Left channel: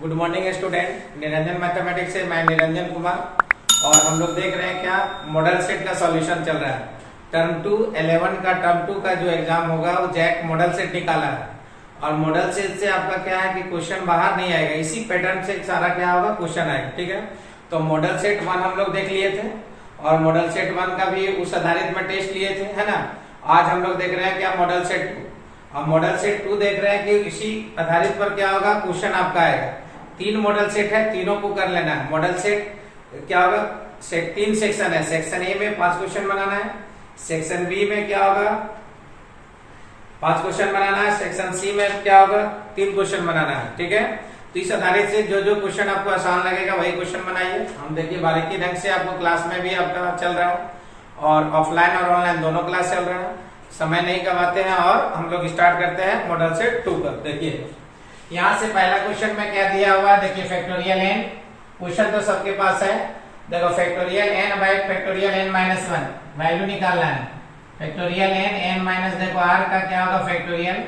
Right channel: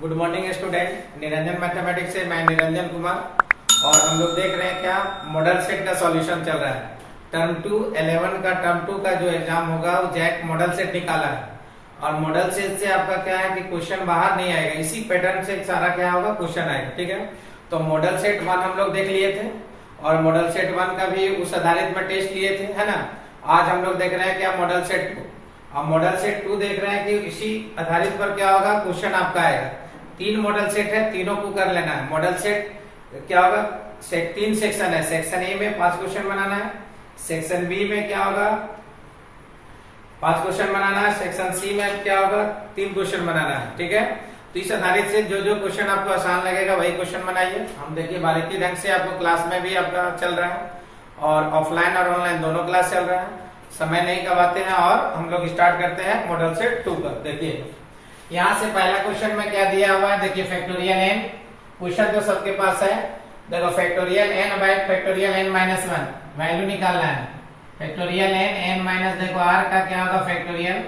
Good morning student. Niranjan mathematics से मैं निरंजन कुमार और हम लोग देख रहे हैं क्या मॉडल सेट का सॉल्यूशन चल रहा है। टर्म 2 11 का टर्म 2 का जो एग्जाम होगा वो जैक मॉडल सेट निकाला है और मॉडल सेट से आपका क्या है कि क्वेश्चन बाहर नहीं आएगा, इसी पैटर्न से सारा क्या होगा क्वेश्चन आएगा। ठीक है, तो मॉडल सेट 1 हम लोग देख लिए थे और मॉडल सेट 1 का भी उस आधारित में टेस्ट लिए थे, है ना। आज हम लोग देख रहे हैं क्या मॉडल सेट 2। अब मॉडल सेट 2 देख रहे हैं कि इसी आधारित पर क्या होगा क्वेश्चन आपका आएगा। 3 मॉडल सेट है, तीनों को कर लेना है। मॉडल सेट क्या होगा, 3 सेक्शन है। सेक्शन ए में 5 क्वेश्चन बनाना है, सेक्शन बी में क्या होगा 5 क्वेश्चन बनाना है, सेक्शन सी में क्या होगा 3 क्वेश्चन बनाना है। ठीक है, तो इस आधारित से जो जो क्वेश्चन आपको आसान लगेगा वही क्वेश्चन बनाइए। हम देखिए बारीकी ढंग से आपको क्लास में भी आपका चल रहा है और ऑफलाइन और ऑनलाइन दोनों क्लास चल रहा है। समय नहीं गवाते हैं और हम लोग स्टार्ट करते हैं मॉडल सेट 2 पर। देखिए यहाँ से पहला क्वेश्चन में क्या दिया हुआ है, देखिए फैक्टोरियल एन। क्वेश्चन तो सबके पास है। देखो factorial N by factorial N minus 1 value निकालना है। फैक्टोरियल एन एन माइनस देखो आर का क्या होगा फैक्टोरियल।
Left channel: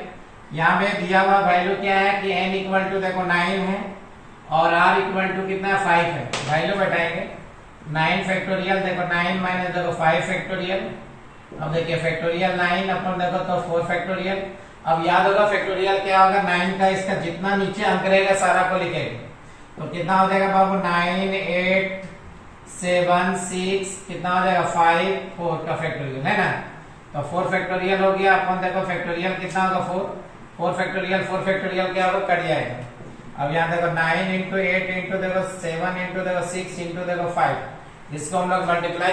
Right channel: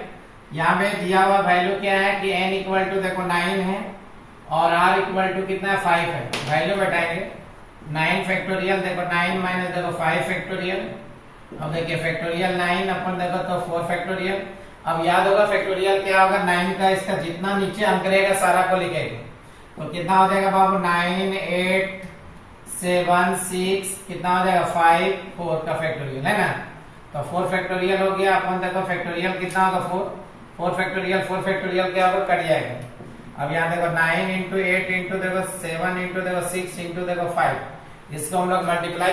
यहाँ पे दिया हुआ वैल्यू क्या है कि एन इक्वल टू देखो 9 है और आर इक्वल टू कितना 5 है। वैल्यू बताएंगे 9 फैक्टोरियल देखो 9 माइनस देखो 5 फैक्टोरियल। अब देखिए फैक्टोरियल 9 अपन देखो तो 4 फैक्टोरियल। अब याद होगा फैक्टोरियल क्या होगा 9 का इसका जितना नीचे अंक रहेगा सारा को लिखेगा तो कितना हो जाएगा बाबू 9 8 7 6 कितना हो जाएगा 5 4 का फैक्टोरियल है ना। तो 4 फैक्टोरियल हो गया। अपन देखो फैक्टोरियल कितना होगा 4 फैक्टोरियल क्या होगा कट जाएगा। अब यहाँ देखो 9 इंटू 8 इंटू देखो 7 इंटू देखो 6 इंटू देखो 5 इसको हम लोग मल्टीप्लाई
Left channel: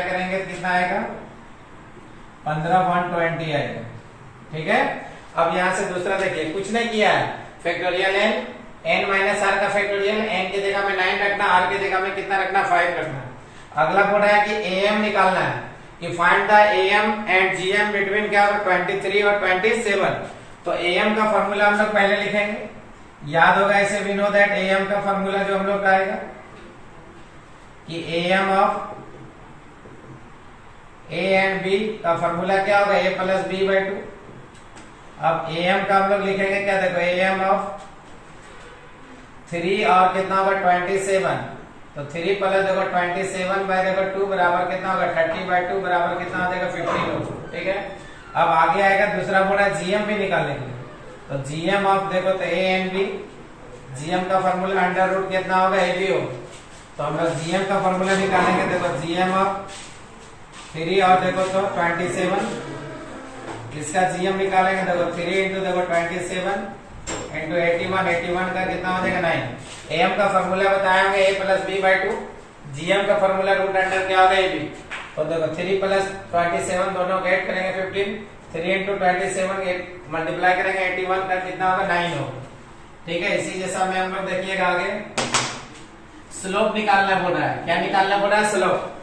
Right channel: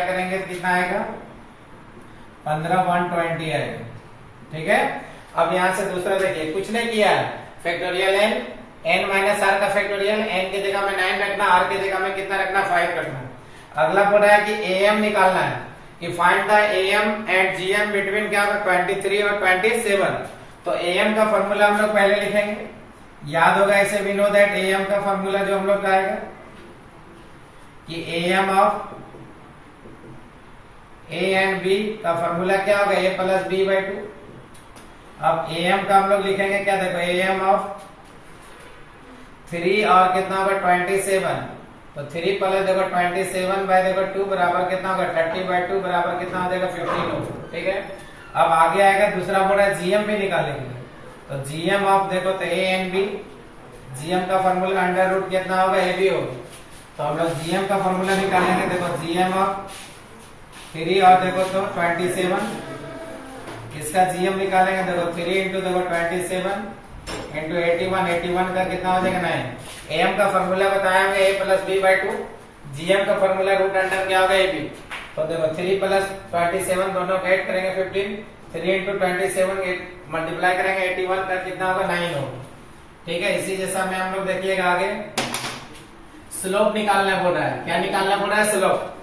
करेंगे तो कितना आएगा 15 120 आएगा। ठीक है, अब यहाँ से दूसरा देखिए कुछ नहीं किया है। Factorial N N minus R का फैक्टोरियल एन की जगह में 9 रखना, आर की जगह में कितना रखना 5 रखना। अगला बोल रहा है कि एम निकालना है कि find the M and GM between क्या होगा 23 और 27। तो एम का फॉर्मूला हम लोग पहले लिखेंगे, याद होगा ऐसे वी नो दैट एम का फॉर्मूला जो हम लोग का आएगा कि M of A and B का फॉर्मूला क्या होगा ए प्लस बी बाई 2। अब एम का हम लोग लिखेंगे क्या देखो एम ऑफ 3 और कितना होगा 27। तो 3 प्लस देखो 27 बाय देखो 2 बराबर कितना होगा 30 बाय 2 बराबर कितना हो जाएगा 15 होगा। ठीक है, अब आगे आएगा दूसरा बोला जीएम भी निकालेंगे। तो जीएम ऑफ देखो तो ए एंड बी, जीएम का फॉर्मूला अंडर रूट कितना होगा ए बी होगा। तो हम लोग जीएम का फॉर्मूला निकालेंगे। देखो जीएम ऑफ 3 और देखो तो 27 इसका जीएम निकालेंगे। देखो 3 इंटू देखो 27 इंटू 81 का कितना हो जाएगा 9। एम का फॉर्मूला बताएंगे ए प्लस बी बाई 2। जीएम का फॉर्मूला रूट अंडर क्या होगा ए बी। तो देखो 3 प्लस 27 दोनों का ऐड करेंगे 15। 3 इंटू 27 मल्टीप्लाई करेंगे 81 का कितना होगा 9 होगा। ठीक है, इसी जैसा में हम लोग देखिएगा आगे स्लोप निकालना बोल रहा है। क्या निकालना बोल रहा है slope.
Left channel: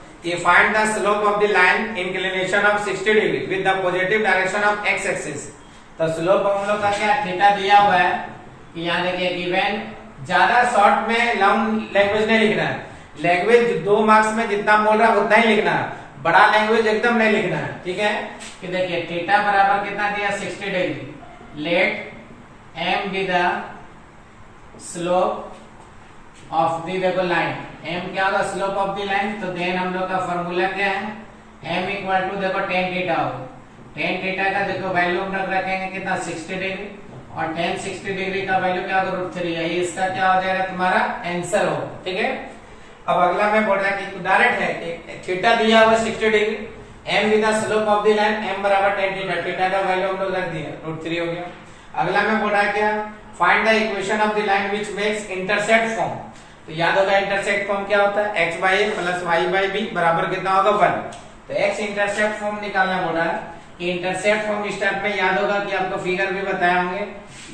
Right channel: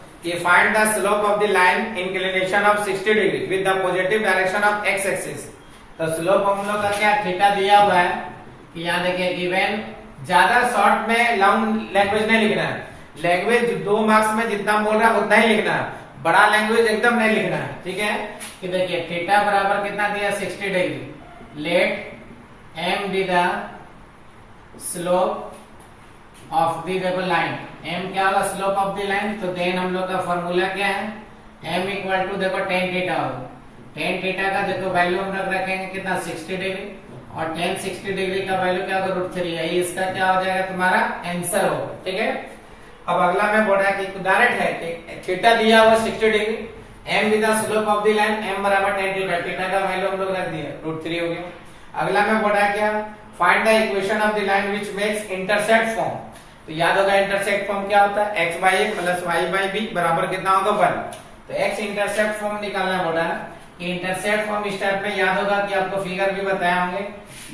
Find the slope of the line inclination of 60 degree with the positive direction of x axis। तो स्लोप हम लोग का क्या थीटा दिया हुआ है कि यहाँ देखिए गिवन। ज्यादा शॉर्ट में लॉन्ग लैंग्वेज नहीं लिखना है। लैंग्वेज 2 मार्क्स में जितना बोल रहा है उतना ही लिखना है, बड़ा लैंग्वेज एकदम नहीं लिखना है। ठीक है, कि देखिए थीटा बराबर कितना दिया 60 degree. Let M be the slope of the देखो लाइन। एम क्या होगा स्लोप ऑफ दी लाइन। तो देन हम लोग का फॉर्मूला क्या है एम इक्वल टू देखो टेन थीटा होगा। टेन थीटा का देखो वैल्यू हम लोग रखेंगे कितना 60 डिग्री और टेन 60 डिग्री का वैल्यू क्या होगा √3। यही इसका क्या हो जाएगा तुम्हारा आंसर होगा। ठीक है, अब अगला में बोल रहा है कि डायरेक्ट है कि थीटा दिया हुआ 60 degree, m with the slope of the line m बराबर टेन थीटा। थीटा का वैल्यू हम लोग रख दिया √3 हो गया। अगला में बोल रहा है क्या find the equation of the line which makes intercept form. तो याद होगा इंटरसेप्ट फॉर्म क्या होता है x by a plus y by b बराबर कितना होगा 1। तो x इंटरसेप्ट फॉर्म निकालना बोला है कि इंटरसेप्ट फॉर्म स्टेप में याद होगा कि आपको फिगर भी बताए होंगे।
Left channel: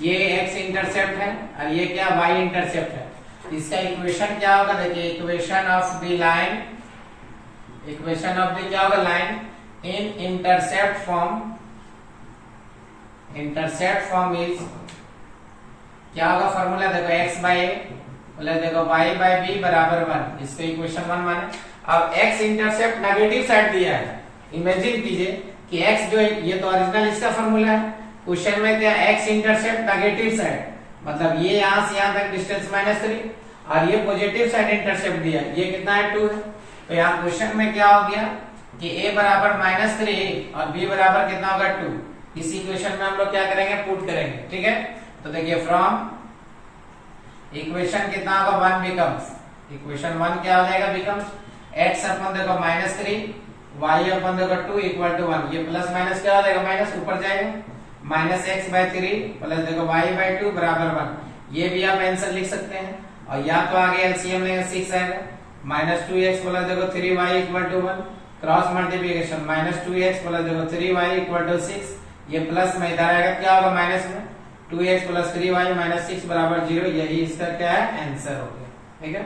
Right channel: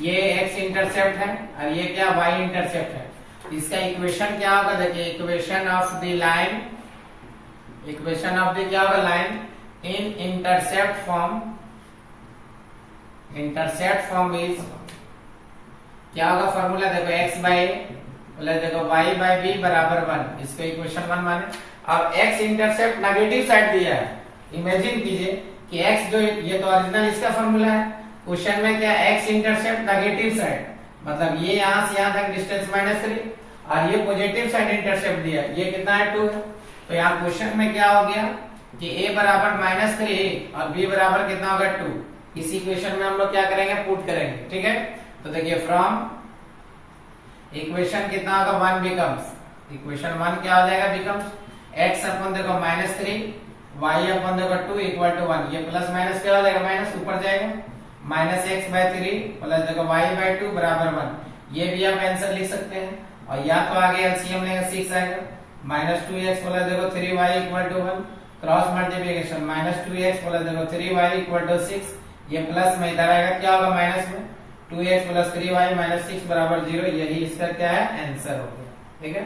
ये x इंटरसेप्ट है और ये क्या y इंटरसेप्ट है। इसका इक्वेशन क्या होगा देखिए equation of the line, equation of the क्या होगा line in intercept form. Intercept form is क्या होगा फॉर्मूला देखो x बाई ए देखो y बाई बी बराबर 1। इसको इक्वेशन 1 माने। अब x इंटरसेप्ट नेगेटिव साइड दिया है। इमेजिन कीजिए कि x जो ये तो ओरिजिनल इसका फॉर्मूला है, क्वेश्चन में क्या x इंटरसेप्ट नेगेटिव साइड मतलब ये यहां से यहां तक डिस्टेंस -3 और ये पॉजिटिव साइड इंटरसेप्ट दिया, ये कितना है 2 है। तो यहाँ क्वेश्चन में क्या हो गया कि a बराबर -3 और b बराबर कितना होगा 2। इसी क्वेश्चन में हम लोग क्या करेंगे, पुट करेंगे, ठीक है। तो देखिए फ्रॉम इक्वेशन कितना होगा 1 बिकम्स, इक्वेशन 1 क्या हो जाएगा बिकम्स x अपन देखो -3 y अपन देखो 2 इक्वल टू 1, ये प्लस माइनस क्या हो जाएगा माइनस ऊपर जाएगा -x/3 प्लस देखो y/2 बराबर 1। ये भी आप आंसर लिख सकते हैं। और या तो आगे एलसीएम में 6 आएगा -2x प्लस देखो 3y equal to 1, cross multiplication -2x plus देखो 3y इक्वल टू 6, ये प्लस में इधर आएगा क्या होगा माइनस में 2x प्लस 3y -6 बराबर 0। यही इसका क्या है आंसर हो गया, ठीक है।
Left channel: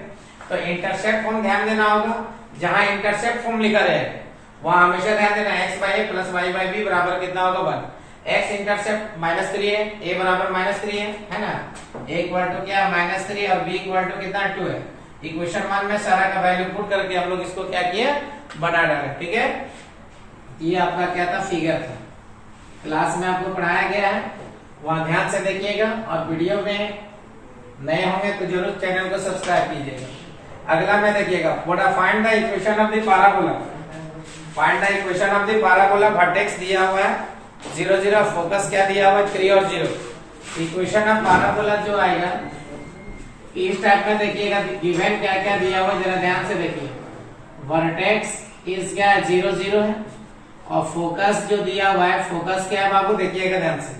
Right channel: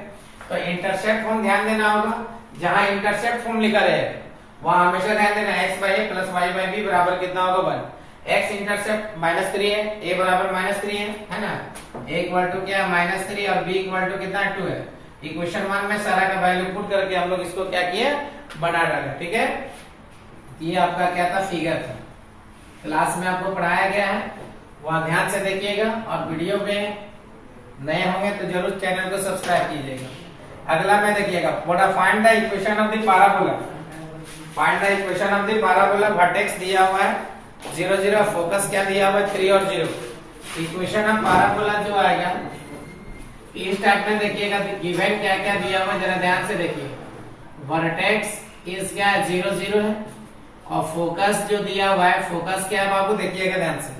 तो इंटरसेप्ट फॉर्म ध्यान देना होगा, जहां इंटरसेप्ट फॉर्म लिखा रहेगा वहां हमेशा ध्यान देना x/a प्लस y/b बराबर कितना होगा 1। x इंटरसेप्ट -3 है, a बराबर -3 है ना, a इक्वल टू क्या -3 और b इक्वल टू कितना 2 है। इक्वेशन 1 में सारा का वैल्यू पुट करके हम लोग इसको क्या किए बना डाले, ठीक है। ये आपका क्या था फिगर था, क्लास में आपको पढ़ाया गया है, वहां ध्यान से देखिएगा। और वीडियो में नए होंगे तो जरूर चैनल को सब्सक्राइब कीजिएगा। अगला में देखिएगा find the equation of the parabola, find the equation of the parabola, vertex दिया हुआ है 0 0, फोकस क्या दिया हुआ है 3 और 0। इक्वेशन ऑफ पैराबोला जो आएगा इस टाइप में देखिएगा, गिवन क्या क्या दिया हुआ है जरा ध्यान से देखिए। वर्टेक्स इज क्या है 0 0 है और फोकस जो दिया हुआ है फोकस क्या है बाबू देखिएगा ध्यान से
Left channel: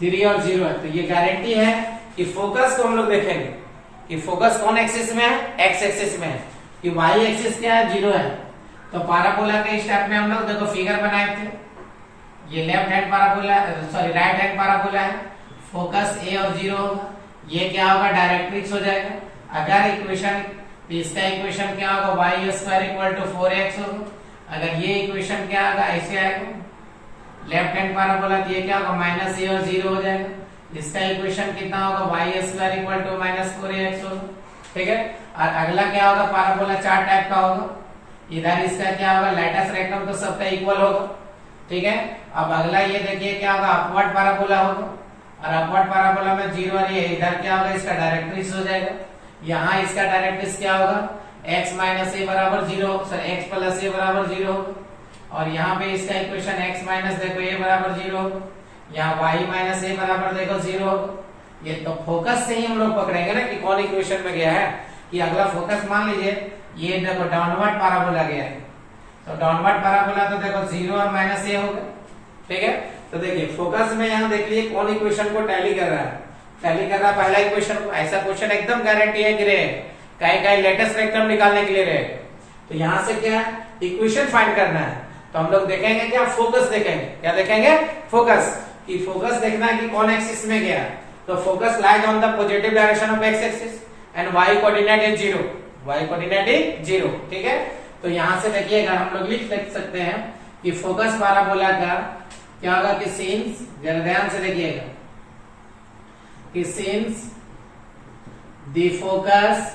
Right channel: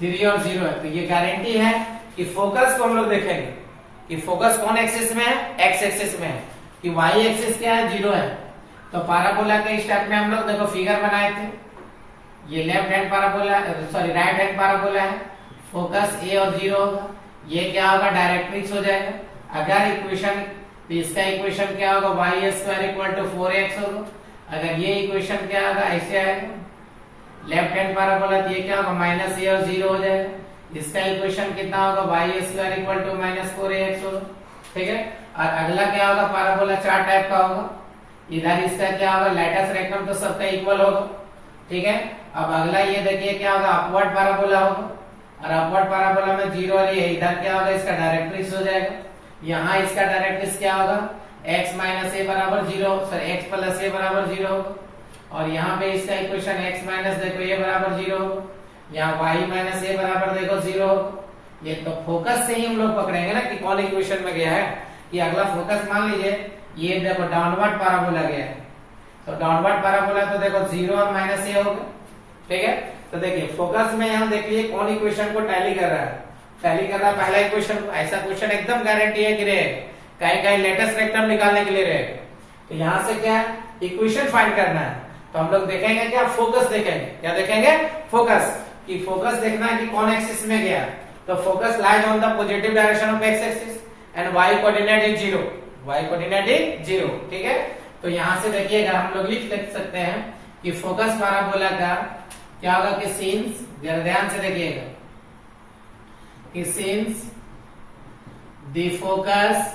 3 और 0 है। तो ये गारंटी है कि फोकस को हम लोग देखेंगे कि फोकस कौन एक्सिस में है, एक्स एक्सिस में है, कि वाई एक्सिस क्या है 0 है। तो पैराबोला के इस टाइप में हम लोग देखो फिगर बनाए थे, ये left hand parabola sorry right hand parabola है, फोकस a और 0 होगा, ये क्या होगा डायरेक्ट्रिक्स हो जाएगा। अगर इक्वेशन इसका इक्वेशन क्या होगा y² इक्वल टू 4x होगा। अगर ये इक्वेशन क्या होगा ऐसे आएगा लेफ्ट हैंड पैराबोला, तो ये क्या होगा -a और 0 हो जाएगा। इसका इक्वेशन कितना होगा y² इक्वल टू -4ax होगा, ठीक है। और अगला क्या होगा पैराबोला 4 टाइप का होगा, इधर इसका क्या होगा लैटिस रेक्टम तो सबका इक्वल होगा, ठीक है। अब अगला ये देखिए क्या होगा अपवर्ड पैराबोला होगा, और अपवर्ड पैराबोला में 0 और ये इधर क्या होगा इसका डायरेक्ट्रिक्स हो जाएगा। यहाँ इसका डायरेक्ट्रिक्स क्या होगा x माइनस a बराबर 0, सॉरी x प्लस a बराबर 0 होगा। और यहाँ पे इसका इक्वेशन x माइनस देखो a बराबर 0 होगा, यहाँ y माइनस a बराबर देखो 0 होगा। ये तो फोकस से ही हम लोग पकड़ेंगे ना कि कौन इक्वेशन में गया है। कि अगला फोकस मान लीजिए ये देखो डाउनवर्ड पैराबोला गया है, तो डाउनवर्ड पैराबोला तो देखो 0 और -a होगा, ठीक है। तो देखिए फोकस में यहाँ देख लीजिए कौन इक्वेशन को टैली कर रहा है, टैली कर रहा है पहला इक्वेशन को। ऐसा क्वेश्चन एकदम गारंटी है कि रहेगा, कहीं कहीं लेटेस्ट रेक्टम निकालने के लिए रहेगा। तो यहाँ से क्या इक्वेशन फाइंड करना है, तो हम लोग देखेंगे क्या फोकस देखेंगे, क्या देखेंगे फोकस, कि फोकस देखना है कि कौन एक्सिस में गया। तो focus lies on the positive direction of x axis and y coordinate is 0, y coordinate is 0, ठीक है। तो यहाँ से देखिएगा हम लोग लिख सकते हैं कि फोकस पैराबोला का क्या होगा कि सिंस, ध्यान से देखिएगा कि since the focus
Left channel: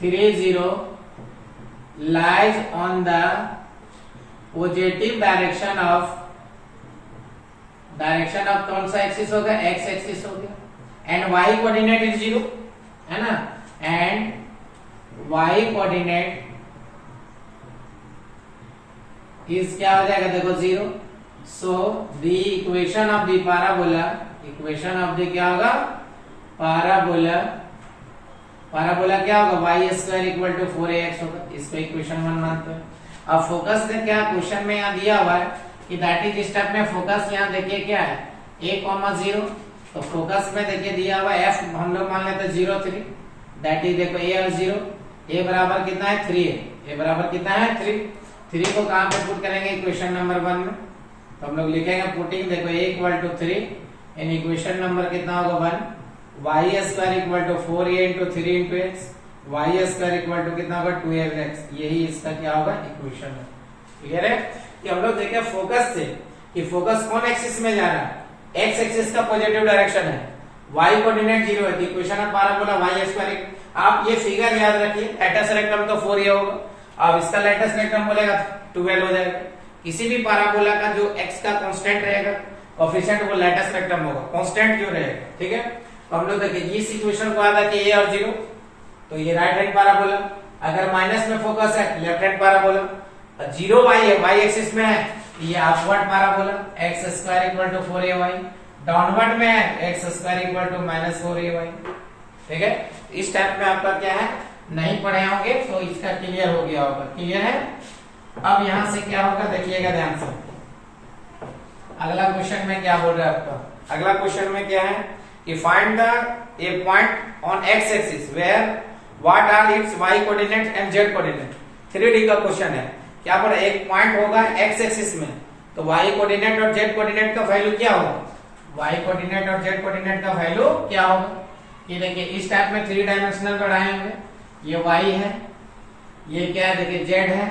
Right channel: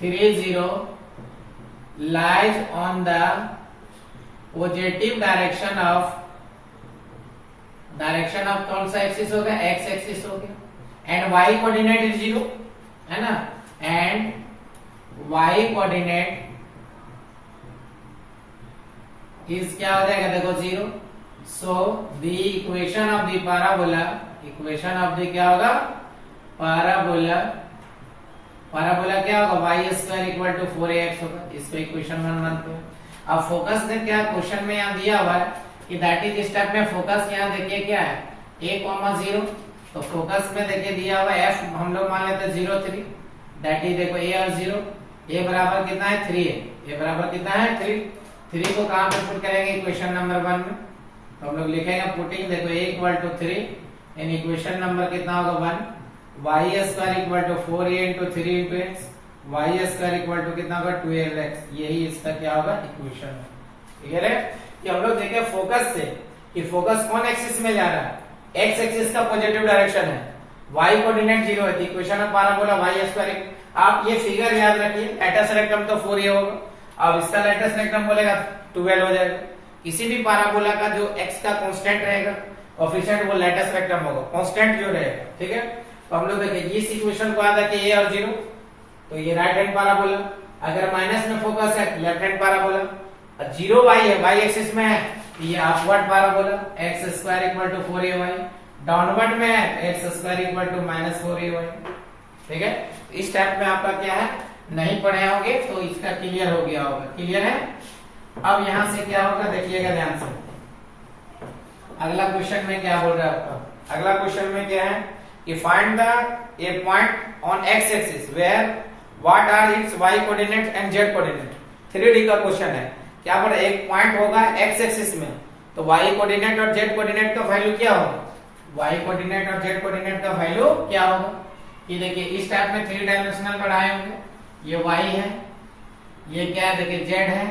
3 0 lies on the positive direction of कौन सा एक्सिस होगा x एक्सिस हो गया, एंड y कोऑर्डिनेट इज 0 है ना, एंड y कोऑर्डिनेट इज क्या हो जाएगा देखो 0। So the equation of the parabola, equation of the क्या होगा पैराबोला, पैराबोला क्या होगा y² इक्वल टू 4ax होगा। इसको इक्वेशन 1 मानते हैं। अब फोकस का क्या क्वेश्चन में यहाँ दिया हुआ है कि दैट इज स्टेप में फोकस यहाँ देखिए क्या है a, 0। तो फोकस में देखिए दिया हुआ f हम लोग मान लेते हैं 0 3, दैट इज देखो a और 0, a बराबर कितना है 3 है, a बराबर कितना है 3 को कहां पे पुट करेंगे इक्वेशन नंबर 1 में। तो हम लोग लिखेंगे पुटिंग देखो a equal to 3 in equation number कितना होगा 1, y² equal to 4a into 3 into x, y² equal to कितना होगा 12x। यही इसका क्या होगा इक्वेशन है, ठीक है। कि हम लोग देखें फोकस से कि फोकस कौन एक्सिस में जा रहा है, x एक्सिस का पॉजिटिव डायरेक्शन है, y कोऑर्डिनेट 0 है, इक्वेशन ऑफ पैराबोला y²। आप ये फिगर याद रखिए, लेटेस्ट रेक्टम तो 4a होगा, अब इसका लेटेस्ट रेक्टम बोलेगा 12 हो जाएगा। किसी भी पैराबोला का जो x का कांस्टेंट रहेगा कोफिशिएंट वो लेटेस्ट रेक्टम होगा, कांस्टेंट जो रहेगा, ठीक है। तो हम लोग देखिए इस इक्वेशन को आता कि a और 0, तो ये राइट हैंड पैराबोला। अगर माइनस में फोकस है लेफ्ट हैंड पैराबोला, 0 y है, y एक्सिस में है, ये upward parabola, x square equal to 4ay, downward में है x square equal to -4ay, ठीक है। इस टाइप में आपका क्या है, नहीं पढ़े होंगे तो इसका क्लियर हो गया होगा, क्लियर है। अब यहां से क्या होगा देखिएगा ध्यान से, अगला क्वेश्चन में क्या बोल रहा है आपका, अगला क्वेश्चन में क्या है कि find the a point on x axis where what are its y coordinate and z coordinate. 3D का क्वेश्चन है, क्या पर एक पॉइंट होगा x एक्सिस में, तो y कोऑर्डिनेट और z कोऑर्डिनेट का वैल्यू क्या होगा, y कोऑर्डिनेट और z कोऑर्डिनेट का वैल्यू क्या होगा। ये देखिए इस टाइप में 3 डायमेंशनल बढ़ाए होंगे, ये y है, ये क्या है देखिए z है,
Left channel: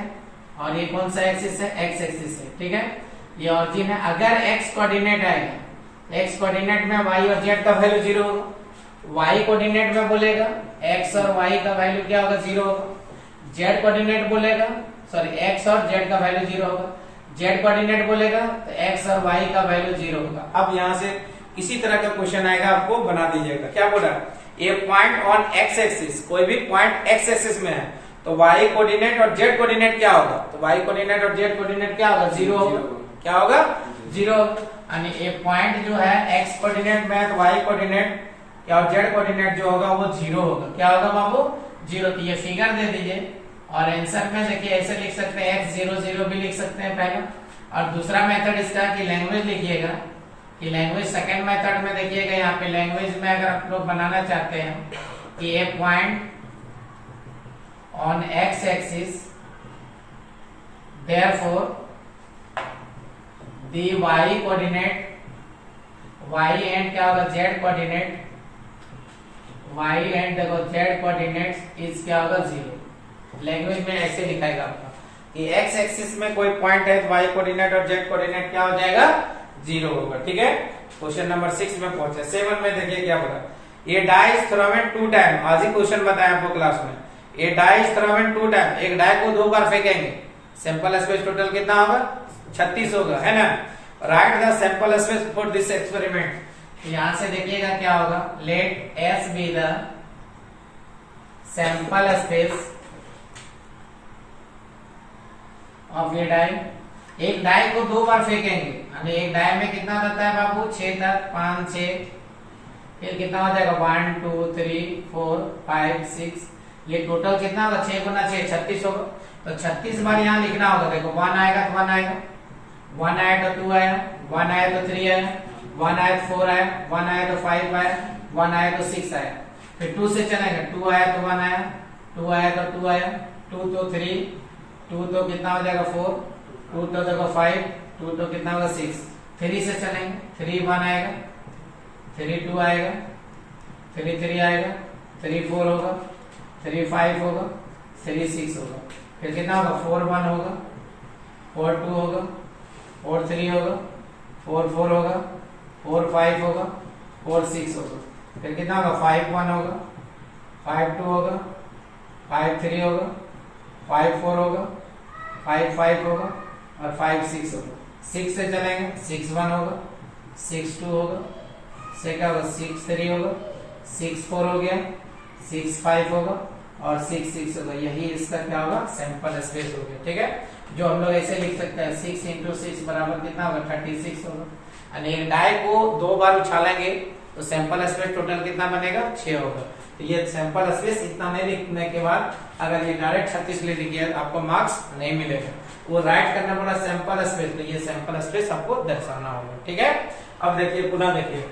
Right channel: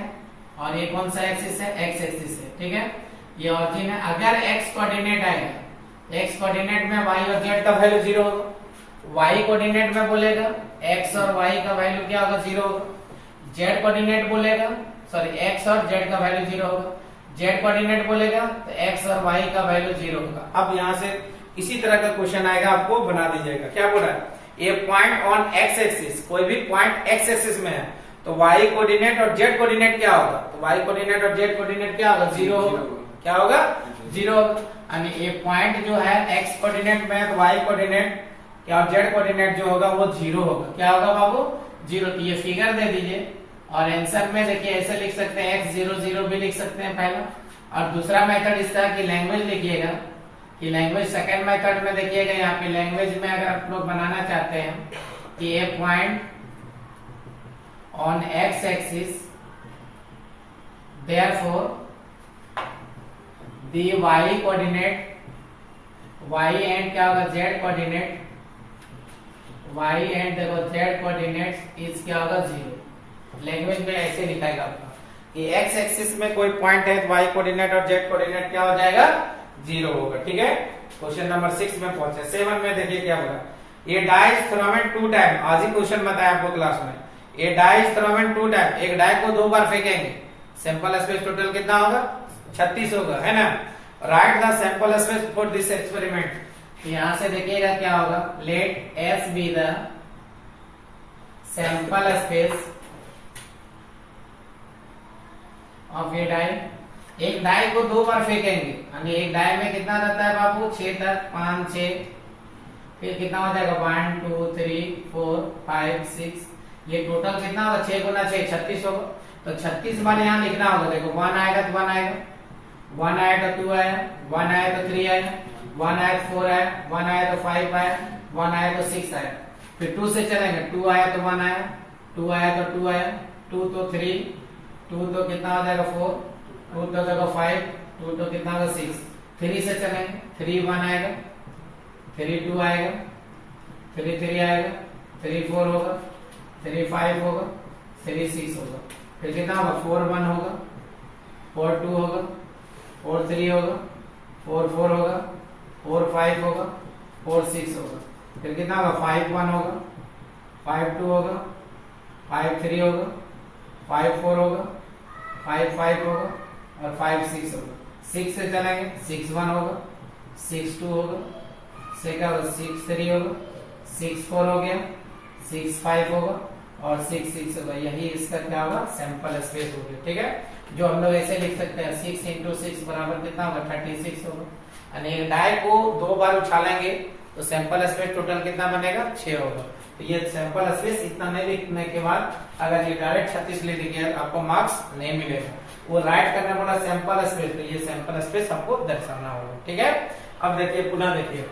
और ये कौन सा एक्सिस है, x एक्सिस है, ठीक है। ये ऑरिजिन है, अगर x कोऑर्डिनेट आएगा, x कोऑर्डिनेट में y और z का वैल्यू 0 होगा, y कोऑर्डिनेट में बोलेगा x और y का वैल्यू क्या होगा, 0 होगा, z कोऑर्डिनेट बोलेगा सॉरी x और z का वैल्यू 0 होगा, z कोऑर्डिनेट बोलेगा तो x और y का वैल्यू 0 होगा। अब यहाँ से इसी तरह का क्वेश्चन आएगा, आपको बना दीजिएगा, क्या बोल रहा है, ये पॉइंट ऑन x एक्सिस, कोई भी पॉइंट x एक्सिस में है तो y कोऑर्डिनेट और z कोऑर्डिनेट क्या होगा, तो y कोऑर्डिनेट और z कोऑर्डिनेट क्या होगा, 0 होगा, क्या होगा, 0 होगा। यानी ये पॉइंट जो है x कोऑर्डिनेट में है तो y कोऑर्डिनेट और z कोऑर्डिनेट जो होगा वो 0 होगा, क्या होगा बाबू, 0। तो ये फिगर दे दीजिए और आंसर में देखिए ऐसे लिख सकते हैं x 0 0 भी लिख सकते हैं पहला, और दूसरा मेथड इसका कि लैंग्वेज लिखिएगा, कि लैंग्वेज सेकंड मेथड में देखिएगा, यहाँ पे लैंग्वेज में अगर आप लोग बनाना चाहते हैं कि a point on x axis therefore the y coordinate, y and क्या होगा, z कोऑर्डिनेट, y एंड देखो z कोऑर्डिनेट इज क्या होगा, 0। लैंग्वेज में ऐसे लिखाएगा आपका कि x एक्सिस में कोई पॉइंट है, y कोऑर्डिनेट और z कोऑर्डिनेट क्या हो जाएगा, 0 होगा, ठीक है। क्वेश्चन नंबर 6 में पहुंचे। 7 में देखिए क्या बोला, ये डाई इज थ्रोन 2 टाइम, आज ही क्वेश्चन बताया आपको क्लास में, ये डाई इज थ्रोन 2 टाइम, एक डाई को 2 बार फेंकेंगे, सैंपल स्पेस टोटल कितना होगा, 36 होगा, है ना। Write the sample space for this experiment, यहां से देखिएगा क्या होगा, let S be the sample space of a die, एक डाई को 2 बार फेंकेंगे, यानी एक डाई में कितना रहता है बाबू, 6 तक, 5 6, फिर कितना हो जाएगा 1 2 3 4 5 6, ये टोटल कितना होगा, 6 गुना 6 36 होगा। तो 36 बार यहाँ लिखना होगा, देखो 1 आएगा तो 1 आएगा, 1 आया तो 2 आया, 1 आया तो 3 आया, 1 आया तो 4 आया, 1 आया तो 5 आया, 1 आया तो 6 आया, फिर 2 से चलेंगे, 2 आया तो 1 आया, 2 आया तो 2 आया, 2 तो 3, 2 तो कितना हो जाएगा 4, 2 तो देखो 5, 2 तो कितना होगा 6, 3 से चलेंगे, 3 1 आएगा, 3 2 आएगा, 3 3 आएगा, 3 4 होगा, 3 5 होगा, 3 6 होगा, फिर कितना होगा 4 1 होगा, 4 2 होगा, 4 3 होगा, 4 4 होगा, 4 5 होगा, 4 6 होगा, फिर कितना होगा 5 1 होगा, 5 2 होगा, 5 3 होगा, 5 4 होगा, 5 5 होगा और 5 6 होगा। 6 से चलेंगे, 6 1 होगा, 6 2 होगा, से क्या होगा 6 3 होगा, 6 4 हो गया, 6 5 होगा और 6 6 होगा। यही इसका क्या होगा, सैंपल स्पेस हो गया, ठीक है। जो हम लोग ऐसे लिख सकते हैं 6 इंटू 6 बराबर कितना होगा 36 होगा। यानी एक डाई को 2 बार उछालेंगे तो सैंपल स्पेस टोटल कितना बनेगा 6 होगा। तो ये सैंपल स्पेस इतना नहीं लिखने के बाद अगर ये डायरेक्ट 36 ले लीजिए आपको मार्क्स नहीं मिलेगा, वो राइट करने वाला सैंपल स्पेस, तो ये सैंपल स्पेस आपको दर्शाना होगा, ठीक है। अब देखिए पुनः देखिए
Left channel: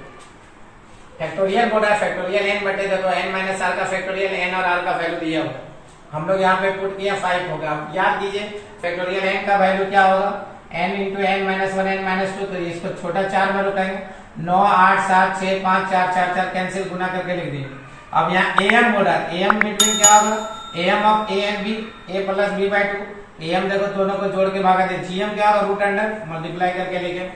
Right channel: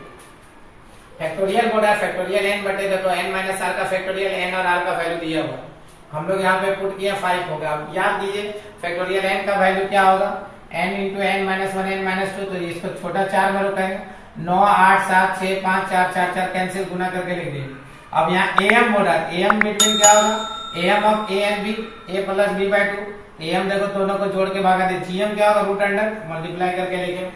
फैक्टोरियल बोला है, फैक्टोरियल n बटे देखो n माइनस आर का फैक्टोरियल n और r का वैल्यू दिया हुआ, हम लोग यहाँ पे पुट किया 5 होगा। अब याद कीजिए फैक्टोरियल n का वैल्यू क्या होगा, n into n minus 1 n minus 2, तो इसको छोटा 4 में रुकाएंगे, 9 8 7 6 5 4 4 4 कैंसिल गुना करके लिख देंगे। अब यहाँ am बोला, am बिटवीन क्या होगा, am of a and b, a plus b by 2, am देखो दोनों को जोड़ के भागा दे, gm क्या होगा रूट अंडर मल्टीप्लाई करके लिखे।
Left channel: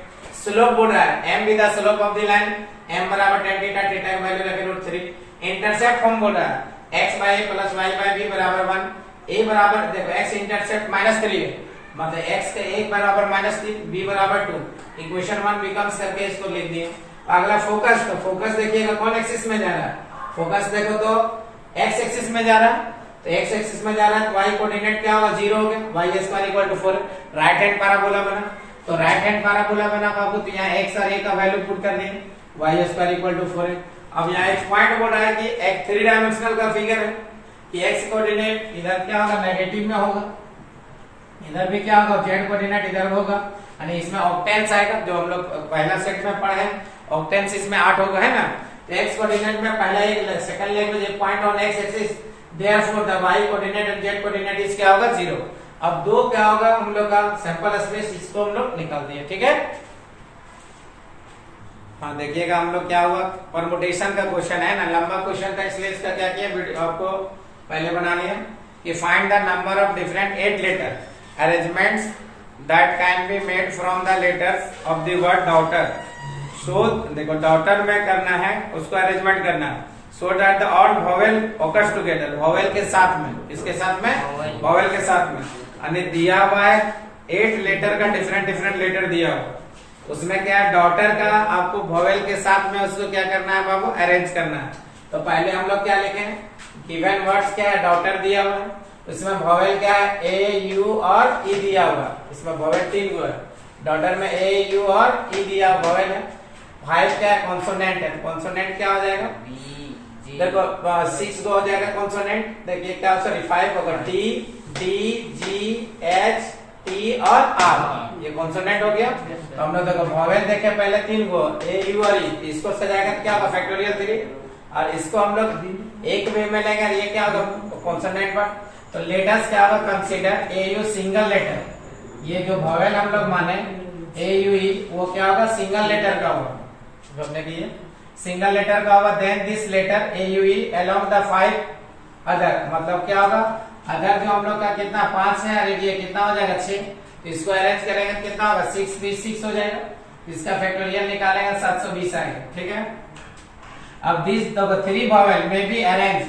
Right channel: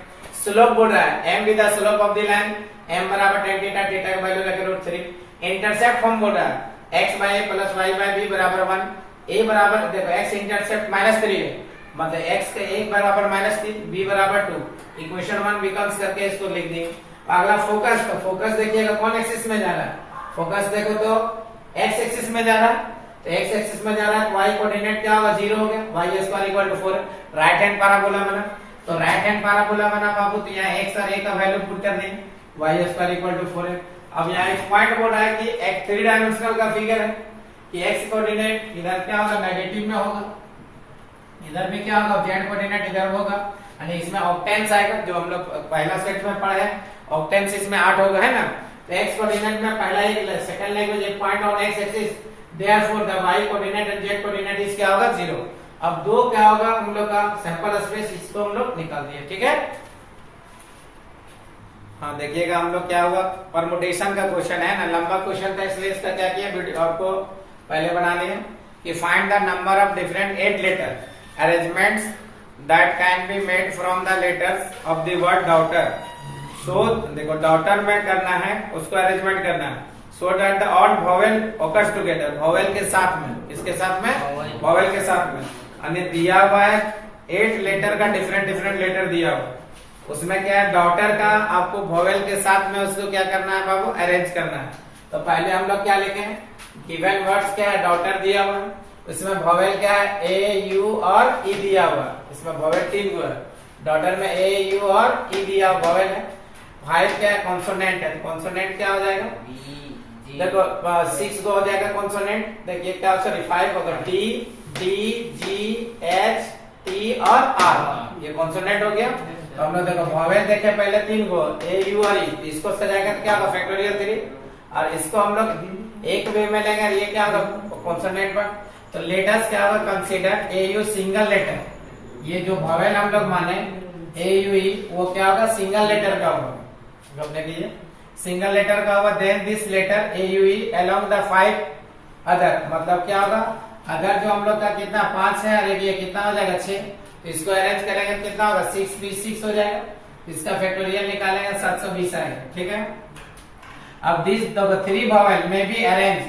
स्लोप बोल रहा है m with the slope of the line, m बराबर tan थीटा, थीटा की वैल्यू लगे √3। इंटरसेप्ट फॉर्म बोल रहा है x by a plus y by b बराबर 1, a बराबर देखो x इंटरसेप्ट -3 है मतलब x का 1 बराबर -3, b बराबर 2, इक्वेशन 1 बिकम्स करके इसको लिख दिए। अगला फोकस, तो फोकस देखिएगा कौन एक्सिस में जा रहा है, फोकस देखो तो x एक्सिस में जा रहा है, तो x एक्सिस में जा रहा है तो y कोऑर्डिनेट क्या होगा, 0 हो गया, y square equal to 4, right hand parabola बना। तो राइट हैंड पैराबोला बना बाबू, तो यहाँ x और a का वैल्यू पुट कर देंगे, y स्क्वायर इक्वल टू 4 है। अब यहाँ एक पॉइंट बोल रहा है कि एक 3 डायमेंशनल का फिगर है कि x कोऑर्डिनेट इधर क्या होगा, नेगेटिव में होगा, इधर भी क्या होगा, z कोऑर्डिनेट इधर होगा, यानी इसमें ऑक्टेंस आएगा, जो हम लोग पहला सेट में पढ़ा है, ऑक्टेंस इसमें 8 होगा, है ना। तो x कोऑर्डिनेट में पहला एक सेकंड लैंग्वेज एक point on x axis, therefore the y coordinate and z coordinate is क्या होगा, 0। अब 2 क्या होगा हम लोग का सैंपल स्पेस, इसको हम लोग निकाल दिए, ठीक है। हाँ देखिएगा हम लोग क्या हुआ, परमुटेशन का क्वेश्चन है ना, लंबा क्वेश्चन था इसलिए इसका क्या किया, वीडियो आपको पहले बना लिया कि find the number of different 8 letter arrangements that can be made from the letters of the word daughter. So देखो डॉटर में करना है, उसको अरेंजमेंट करना है, so that the odd vowel occurs together, vowel के साथ में, इसके साथ में, वॉवेल के साथ में, यानी दिया हुआ है 8 लेटर का डिफरेंट लेटर दिया हुआ, उसमें क्या है, डॉटर का आपको वॉवेल के साथ में उसको क्या करना है बाबू, अरेंज करना है। तो पहले हम लोग क्या लिखे हैं, गिवन वर्ड्स क्या है, डॉटर दिया हुआ है, उसमें वॉवेल क्या है, ए यू और ई दिया हुआ, इसमें वॉवेल 3 गो है, डॉटर में ए यू और ई दिया वॉवेल है। 5 क्या है, कॉन्सोनेंट है, कॉन्सोनेंट क्या हो जाएगा, देखो 6 गो हो जाएगा कॉन्सोनेंट, देखिए क्या, सॉरी 5 होगा, D D G H T और आर, ये कॉन्सोनेंट हो गया। तो हम लोग देखो वॉवेल देखे पहले 3 गो, ए यू और ई, इसको सजाएगा तो क्या होगा, फैक्टोरियल 3, और इसको हम लोग एक वे में लेंगे, ये क्या होगा, कॉन्सोनेंट पर। तो लेटर्स क्या होगा, consider A U single letter, ये जो वॉवेल हम लोग माने ए यू ई, वो क्या होगा, सिंगल लेटर का होगा, जो हमने किया सिंगल लेटर का होगा। Then this letter A U E along the 5 other, मतलब क्या होगा, अगर जो हम लोग का कितना 5 है, अरे ये कितना हो जाएगा 6, तो इसको अरेंज करेंगे कितना होगा, 6 भी 6 हो जाएगा, इसका फैक्टोरियल निकालेंगे 720 आएगा, ठीक है। अब दिस द 3 वॉवेल में बी अरेंज,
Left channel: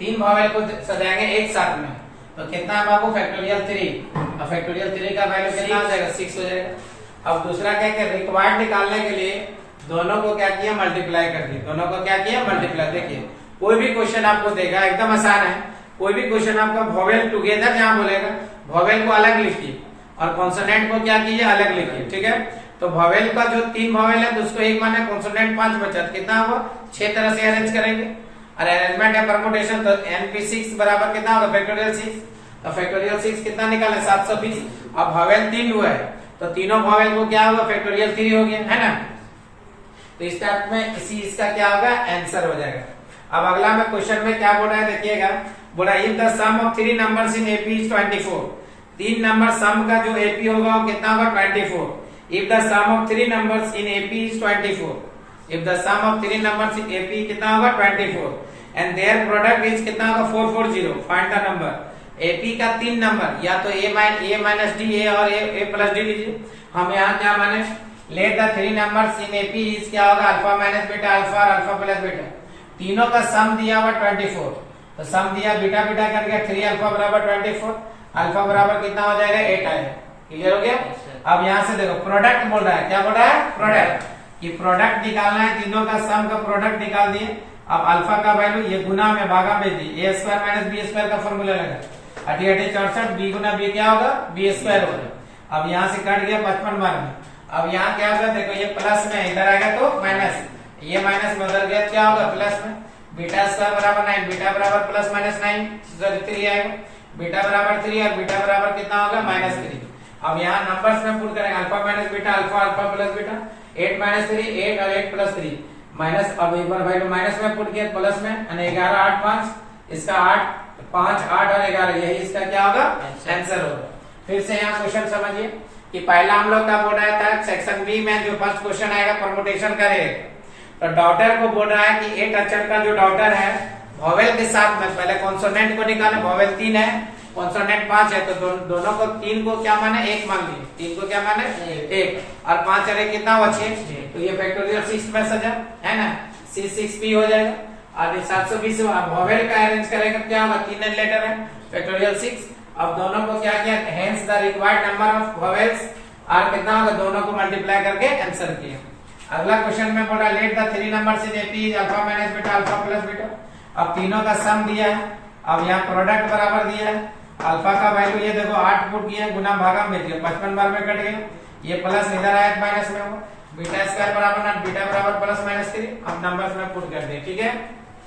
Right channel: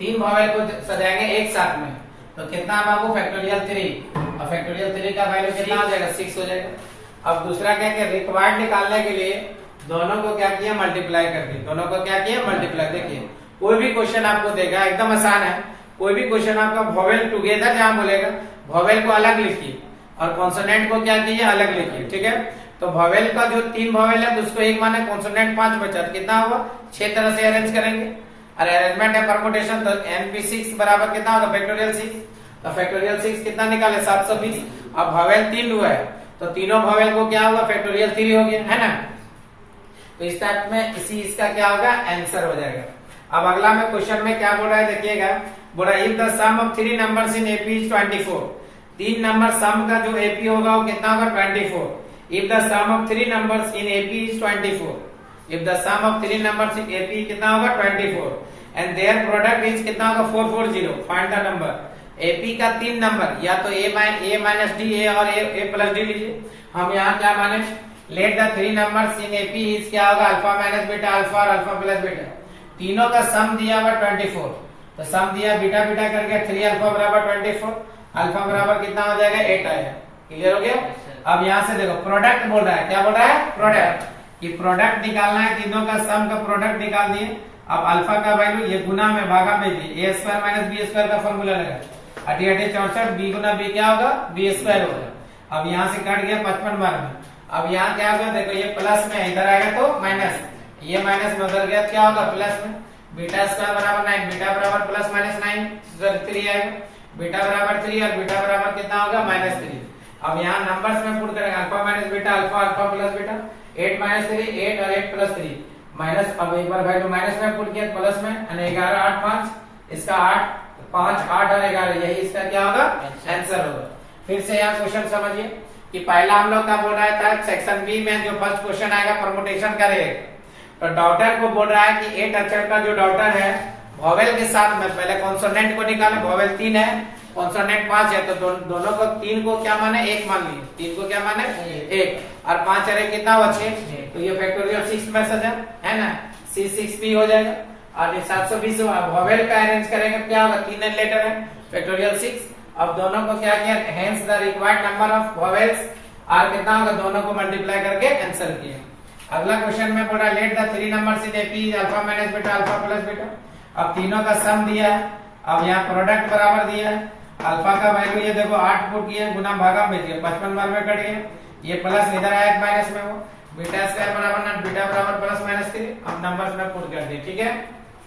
3 वॉवेल को सजाएंगे एक साथ में, तो कितना है बाबू, फैक्टोरियल 3, और फैक्टोरियल 3 का वैल्यू कितना हो जाएगा, 6 हो जाएगा। अब दूसरा क्या किया, रिक्वायर्ड निकालने के लिए दोनों को क्या किया, मल्टीप्लाई कर दिया, दोनों को क्या किया, मल्टीप्लाई। देखिए कोई भी क्वेश्चन आपको देगा, एकदम आसान है, कोई भी क्वेश्चन आपका वॉवेल टुगेदर जहां बोलेगा, वॉवेल को अलग लिखिए और कॉन्सोनेंट को क्या कीजिए, अलग लिखिए, ठीक है। तो वॉवेल का जो 3 वॉवेल है उसको एक माने, कॉन्सोनेंट 5 बचा, कितना हुआ, 6 तरह से अरेंज करेंगे, और अरेंजमेंट है परमुटेशन, तो NP6 बराबर कितना होगा, फैक्टोरियल 6, तो फैक्टोरियल 6 कितना निकाले, 720। अब वॉवेल 3 हुआ है, तो तीनों वॉवेल को क्या होगा, फैक्टोरियल 3 हो गया, है ना। तो इस टाइप में इसी इसका क्या होगा, आंसर हो जाएगा। अब अगला में क्वेश्चन में क्या बोल रहा है, देखिएगा, बोला if the sum of 3 numbers in AP is 24, 3 number sum का जो एपी होगा वो कितना होगा, 24। If the sum of 3 numbers in AP is 24, if the sum of 3 numbers in AP कितना होगा, 24, एंड देयर प्रोडक्ट इज कितना होगा, 440, फाइंड द नंबर। एपी का 3 नंबर, या तो ए माइनस डी, ए और ए प्लस डी लीजिए। हम यहाँ क्या माने, let the 3 numbers in AP is क्या होगा, अल्फा माइनस बीटा अल्फा और अल्फा प्लस बीटा, तीनों का सम दिया हुआ 24, तो सम दिया बीटा बीटा करके 3 अल्फा बराबर 24, अल्फा बराबर कितना हो जाएगा, 8 आएगा, क्लियर हो गया। अब यहाँ से देखो प्रोडक्ट बोल रहा है, क्या बोल रहा है, प्रोडक्ट, कि प्रोडक्ट निकालना है, तीनों का सम का प्रोडक्ट निकाल दिए। अब अल्फा का वैल्यू ये गुना में भागा में दी, ए स्क्वायर माइनस बी स्क्वायर का फॉर्मूला लगा, 64 बी गुना बी क्या होगा, बी स्क्वायर होगा। अब यहाँ से कट गया 55 बार में। अब यहाँ क्या होगा, देखो ये प्लस में, इधर आएगा तो माइनस, ये माइनस में उधर गया, क्या होगा, प्लस में, बीटा स्क्वायर बराबर 9, बीटा बराबर प्लस माइनस 9 3 आएगा, बीटा बराबर 3 और बीटा बराबर कितना होगा, -3। अब यहाँ नंबर्स में पुट करेंगे, alpha minus beta alpha, alpha plus beta, 8 minus 3 8 और 8 प्लस 3 माइनस, अब एक बार भाई माइनस में पुट किया, प्लस में, 11 8 5, इसका 8 5 8 और 11, यही इसका क्या होगा, आंसर होगा। फिर से यहाँ क्वेश्चन समझिए कि पहला हम लोग का बोल रहा था सेक्शन बी में जो फर्स्ट क्वेश्चन आएगा परमुटेशन का रहेगा, तो डॉटर को बोल रहा है कि 8 अक्षर का जो डॉटर है वॉवेल के साथ में, पहले कॉन्सोनेंट को निकाला, वॉवेल 3 है, कॉन्सोनेंट 5 है, तो दोनों को 3 को क्या माने, 1 मान लिए, 3 को क्या माने 1, और 5 अरे कितना हुआ 6, तो ये फैक्टोरियल 6 में सजा है ना, C6P हो जाएगा। और 720 वॉवेल का अरेंज करेगा क्या होगा, 3 लेटर है, फैक्टोरियल 6, अब दोनों को क्या किया, hence the required number of vowels are कितना होगा, दोनों को मल्टीप्लाई करके आंसर किया। अगला क्वेश्चन में बोला let the three numbers in AP is alpha minus beta alpha plus beta. अब तीनों का सम दिया है, अब यहाँ प्रोडक्ट बराबर दिया है। अल्फा का वैल्यू ये देखो 8 पुट किया, गुना भागा में दिया, 55 बार में कट गया, ये प्लस इधर आया माइनस में हो, बीटा स्क्वायर बराबर ना बीटा बराबर प्लस माइनस 3। अब नंबर्स में पुट कर दिए, ठीक है।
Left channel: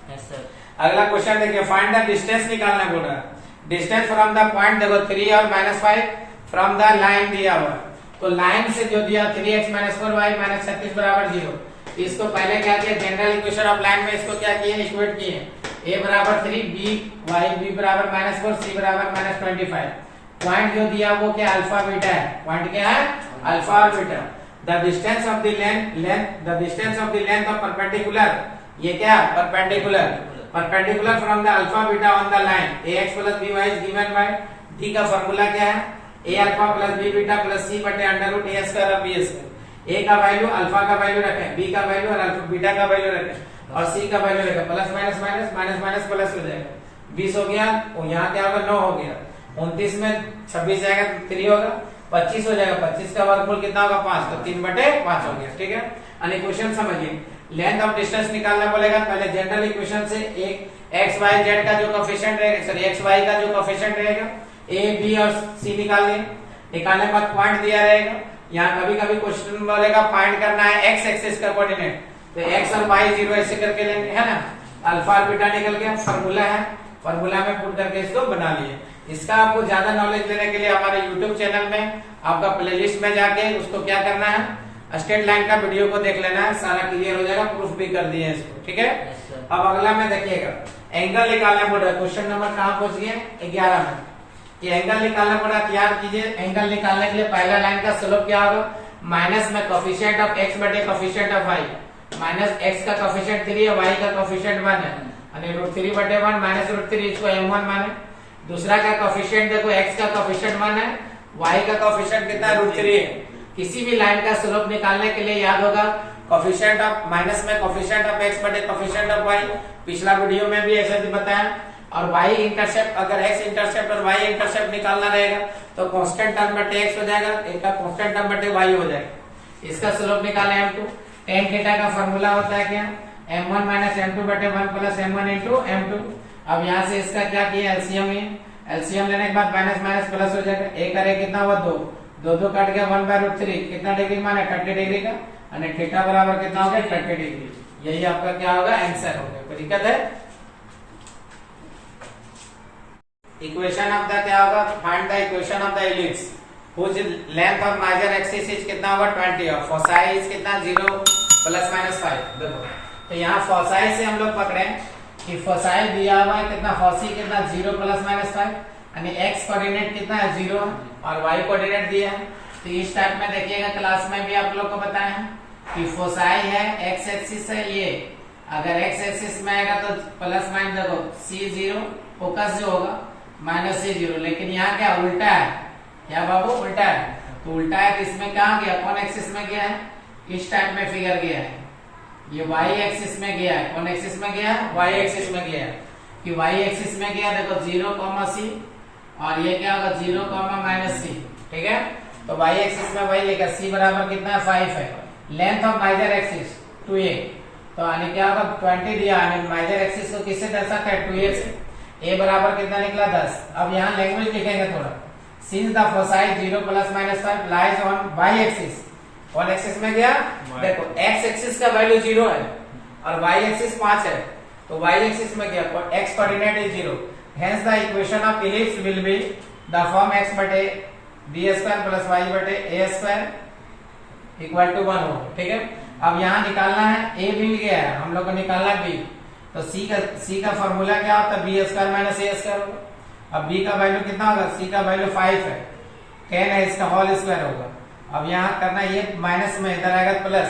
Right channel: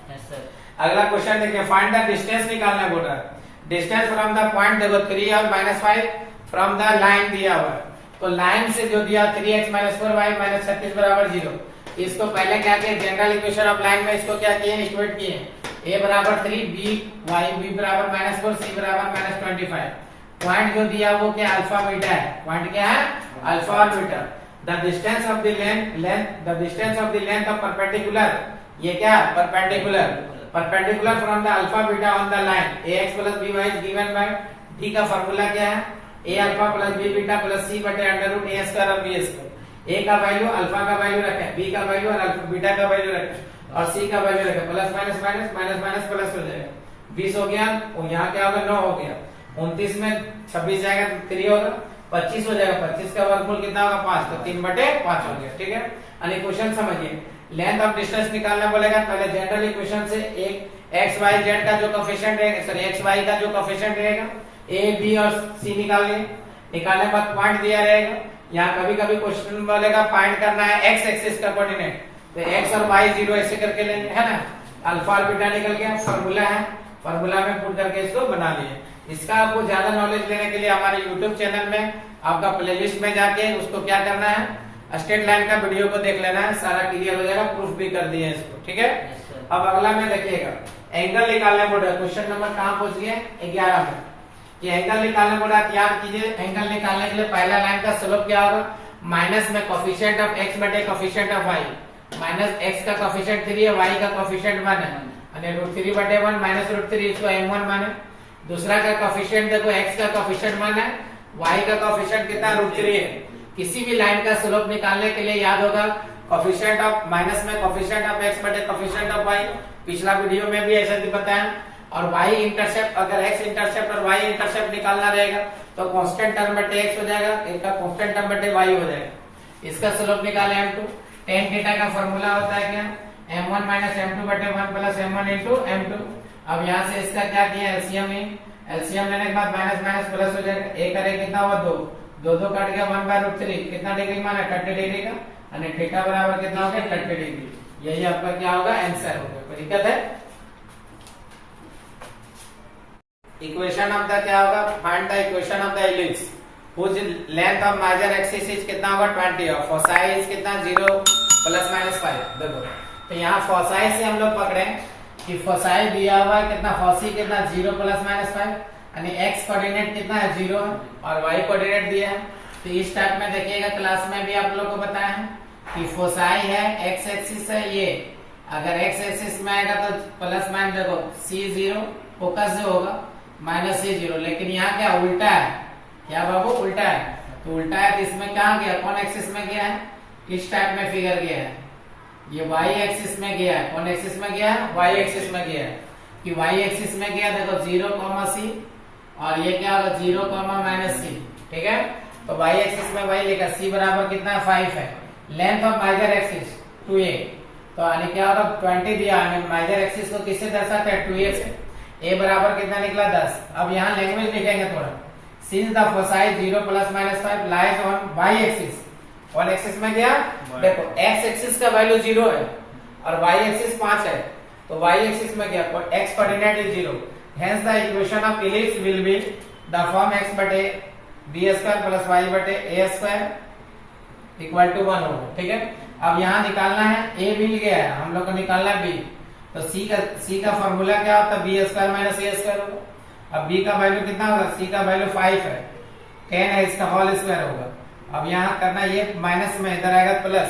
Yes sir. अगला क्वेश्चन देखिए, फाइंड द डिस्टेंस निकालना बोला। डिस्टेंस फ्रॉम द पॉइंट देखो 3 और -5 फ्रॉम द लाइन दिया हुआ, तो लाइन से जो दिया 3x - 4y - 36 बराबर 0। इसको पहले क्या किया, जनरल इक्वेशन ऑफ लाइन में इसको क्या किए, इक्वेट किए। a बराबर 3, b बराबर -4, c बराबर -25। पॉइंट जो दिया वो क्या, अल्फा बीटा है। पॉइंट क्या है, अल्फा और beta. The distance of the length of perpendicular, ये क्या, perpendicular from the alpha beta on the line ax + by is given by d का फार्मूला क्या है, a alpha + b beta + c बटे √a² और b²। a का value alpha का value रखें, b का वैल्यू और अल्फा बीटा का वैल्यू रखें और c का वैल्यू रखें, plus minus minus minus minus plus हो जाएगा। 20 हो गया, और यहाँ क्या होगा, 9 हो गया। 29 में 26 जाएगा तो 3 होगा, 25 हो जाएगा। 25 का वर्गमूल कितना होगा, 5, तो 3/5 हो गया, ठीक है। यानी क्वेश्चन समझिए, लेंथ ऑफ डिस्टेंस निकालना बोलेगा, पहले जनरल इक्वेशन से एक एक्स वाई जेड का जो कोफिशिएंट रहेगा, सॉरी एक्स वाई का जो कोफिशिएंट रहेगा ए बी और सी निकाल लिए। निकालने के बाद पॉइंट दिया रहेगा। यहाँ कभी कभी क्वेश्चन बोलेगा फाइंड करना है एक्स एक्सिस का कोऑर्डिनेट, तो एक्स और वाई 0 ऐसे करके लेंगे, है ना। अल्फा और बीटा निकल गया, फार्मूला है, फार्मूला में पुट करके इसको बना लिए। इसका आपको ज्यादा नॉलेज लेने के लिए हमारे यूट्यूब चैनल में आपका प्लेलिस्ट में जाके उसको क्या करना है, स्ट्रेट लाइन का वीडियो को देख लेना है, सारा क्लियर हो जाएगा, प्रूफ भी कर दिए इसको, ठीक है। अब अगला में देखिएगा, एंगल निकालने बोल रहा है। क्वेश्चन नंबर कहाँ पहुंच गए, 11 में। ये एंगल निकालना बोल रहा है, याद कीजिए। एंगल निकालने के लिए पहला लाइन का स्लोप क्या होगा, माइनस में कोफिशिएंट ऑफ x बटे coefficient of y। Minus x का कोफिशिएंट 3 है, y का कोफिशिएंट 1 है, यानी √3/1 माइनस √3, इसको m1 माने। दूसरा का कोफिशिएंट देखो, x का कोफिशिएंट 1 है, y का कोफिशिएंट कितना है, √3 है। किसी भी लाइन का स्लोप निकालने के लिए याद होगा कोफिशिएंट ऑफ माइनस में कोफिशिएंट ऑफ x बटे कोफिशिएंट ऑफ y। पिछला वीडियो में भी ऐसा भी बताया। और y इंटरसेप्ट, अगर x इंटरसेप्ट और y इंटरसेप्ट निकालना रहेगा तो कांस्टेंट टर्म बटे x हो जाएगा, एक का कांस्टेंट टर्म बटे y हो जाएगा। इसका स्लोप निकाले m2। tan थीटा का फार्मूला होता है क्या, m1 - m2 बटे 1 + m1 * m2। अब यहाँ से इसका क्या किया, एलसीएम लेने के बाद माइनस माइनस प्लस हो जाएगा। एक करे कितना हुआ, 2 2 कट गया, 1/√3 कितना डिग्री माना, 30 डिग्री का, और थीटा बराबर कितना होगा, 30 डिग्री। यही आपका क्या होगा, आंसर हो गया। कोई दिक्कत है। इक्वेशन ऑफ द क्या होगा, find the equation of the ellipse whose length of major axis is कितना होगा, 20 और फोसाई इज कितना, 0 ± 5। देखो तो यहाँ फोसाई से हम लोग पकड़े कि फोसाई दिया हुआ है कितना, फोसी कितना 0 ± 5, यानी x कोऑर्डिनेट कितना है, 0 और y कोऑर्डिनेट दिया है। तो इस टाइप में देखिएगा, क्लास में भी आप लोग को बताया है कि फोसाई है, x एक्सिस है ये। अगर x एक्सिस में आएगा तो प्लस माइनस, देखो c0 फोकस जो होगा -c0, लेकिन यहाँ क्या उल्टा है, क्या बाबू उल्टा है। तो उल्टा है तो इसमें कहाँ गया, कौन एक्सिस में गया है, इस टाइप में फिगर गया है। ये y एक्सिस में गया है, कौन एक्सिस में गया है, y एक्सिस में गया है। कि y एक्सिस में गया, देखो 0, c, और ये क्या होगा 0, -c, ठीक है। तो y एक्सिस में वही लेकर c बराबर कितना है, 5 है। Length of major axis 2a, तो यानी क्या होगा 20 दिया, मेजर एक्सिस को किससे दर्शाते हैं, 2a से। a बराबर कितना निकला, 10। अब यहाँ लैंग्वेज लिखेंगे थोड़ा, since the foci 0 ± 5 lies on y axis. कौन एक्सिस में गया, देखो x एक्सिस का वैल्यू 0 है और y एक्सिस 5 है, तो y एक्सिस में गया, x coordinate is 0। Hence the equation of ellipse will be the form x बटे b² + y बटे a² = 1 होगा, ठीक है। अब यहाँ निकालना है, a मिल गया है, हम लोग को निकालना b, तो c का फॉर्मूला क्या होता है, b² - a² होगा। अब b का वैल्यू कितना होगा, c का वैल्यू 5 है, 10 है, इसका होल स्क्वायर होगा। अब यहाँ करना, ये माइनस में इधर आएगा प्लस,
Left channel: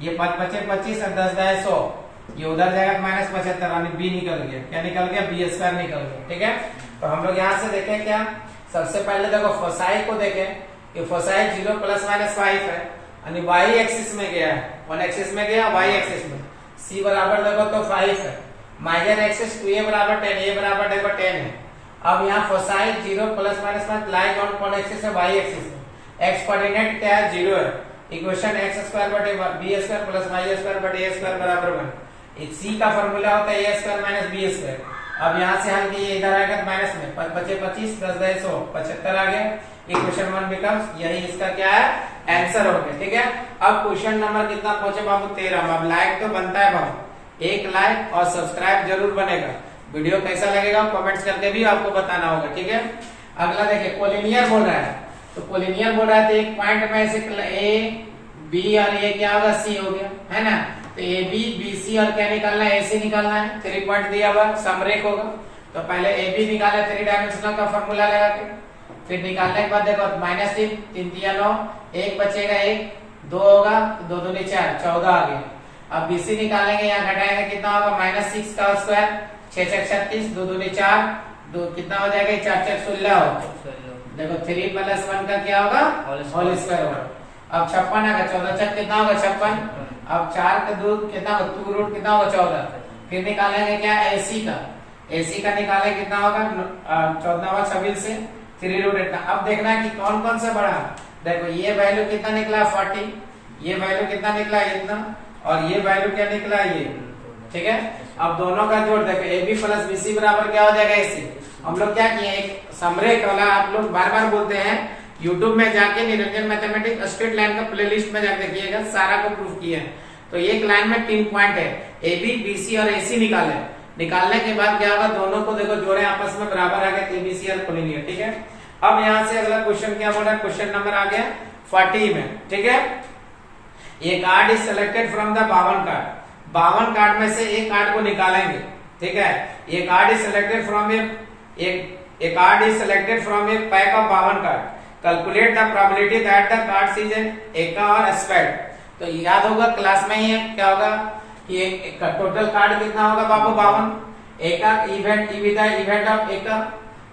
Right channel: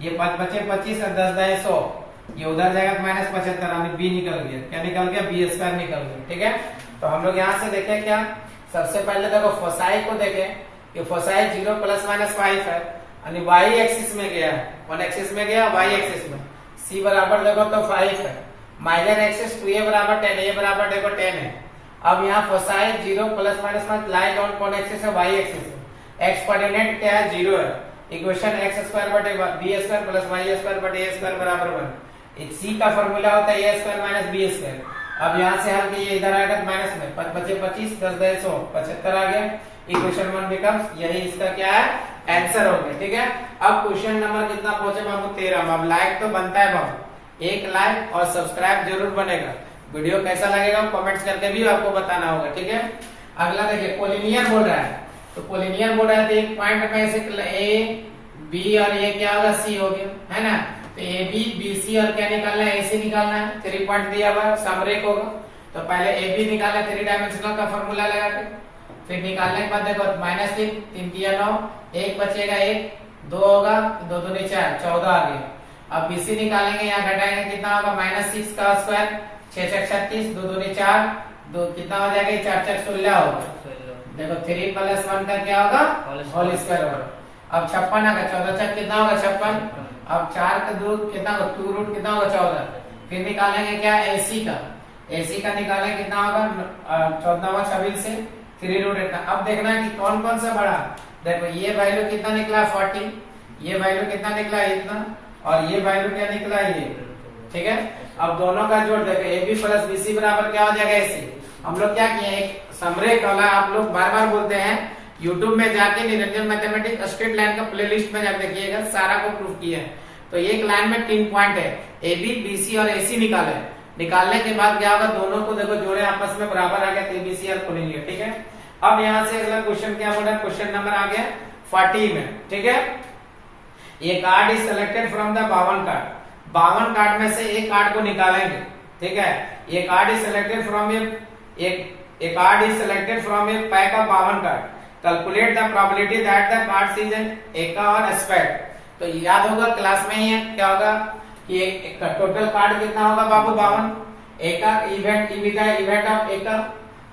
ये 5 बचे 25 और 10 जाए 100, ये उधर जाएगा -75, यानी b निकल गया, क्या निकल गया, b² निकल गया, ठीक है। तो हम लोग यहाँ से देखें क्या, सबसे पहले देखो फोसाई को देखें, ये फोसाई 0 ± 5 है, यानी y एक्सिस में गया है, कौन एक्सिस में गया, y एक्सिस में। c बराबर देखो तो 5 है, मेजर एक्सिस 2a बराबर 10, a बराबर देखो 10 है, अब यहाँ फोसाई 0 प्लस माइनस में लाइज ऑन कौन एक्सिस है, वाई एक्सिस है। एक्स कोऑर्डिनेट क्या है, 0 है। इक्वेशन एक्स स्क्वायर बटे b square plus y square बटे ए स्क्वायर बराबर 1। सी का फॉर्मूला होता है ए स्क्वायर माइनस बी स्क्वायर। अब यहाँ से हल किए, इधर आएगा तो माइनस में, 5 बचे 25, 10 10 100, 75 आ गया। इक्वेशन 1 बिकम्स, यही इसका क्या है, आंसर हो गया। ठीक है, अब क्वेश्चन नंबर कितना पहुंचे बाबू, 13। अब लाइक तो बनता है बाबू, एक लाइक और सब्सक्राइब जरूर बनेगा। वीडियो कैसा लगेगा कमेंट्स करके भी आपको बताना होगा। ठीक है, अगला देखिए, कोलिनियर बोल रहा है। तो कोलिनियर बोल रहा है तो एक पॉइंट में से ए बी और ए क्या होगा, सी हो गया, है ना। तो ए बी बी सी और क्या निकालना है, ए सी निकालना है। 3 पॉइंट दिया हुआ, समरेख होगा। तो पहले ए बी निकाला 3 डायमेंशनल का फॉर्मूला लगा के, फिर निकालने के बाद देखो -3 3 3 9, 1 बचेगा 1, 2 होगा, 2 2 4, 14 आ गया। अब बीसी निकालेंगे, यहाँ घटाएंगे कितना होगा, -6 का स्क्वायर, 6 6 36, 2 2 4, 2 कितना हो जाएगा, 4 4 16 होगा। देखो 3 + 1 का क्या होगा, होल स्क्वायर होगा। अब 56 आएगा, 14 6 कितना होगा, 56। अब 4 का 2 कितना होगा, 2 रूट कितना होगा, 14। फिर निकालेंगे क्या, एसी का, एसी का निकालेंगे कितना होगा, 14 26 से 3 रूट इतना। अब देखना है कि कौन कौन सा बड़ा। देखो ये वैल्यू कितना निकला, 40, ये वैल्यू कितना निकला, इतना, और ये वैल्यू क्या निकला, ये। ठीक है, अब दोनों का जोड़ देखो, a b plus b c बराबर क्या हो जाएगा, एसी। हम लोग क्या किए, एक समरेख वाला, आप लोग बार बार बोलते हैं, यूट्यूब में जाके निरंजन मैथमेटिक्स स्ट्रेट लाइन का प्लेलिस्ट में जाके देखिएगा, सारा को प्रूफ किया है। तो एक लाइन में 3 पॉइंट है, ए बी बी सी और एसी निकाले। निकालने के बाद क्या होगा, दोनों को देखो जोड़े आपस में बराबर आ गया, एबीसी और कोलिनियर। ठीक है, अब यहाँ से अगला क्वेश्चन क्या बोल रहा है, क्वेश्चन नंबर आ गया 40 में। ठीक है, ये card is selected from the 52 card. 52 card में से एक कार्ड को निकालेंगे। ठीक है, ये card is selected from A card is selected from A pack of 52 card. Calculate the probability that the card is एका और स्पेड। तो याद होगा क्लास में ही है, क्या होगा कि टोटल कार्ड कितना होगा बाबू, 52। एका इवेंट इवेंट ऑफ एका,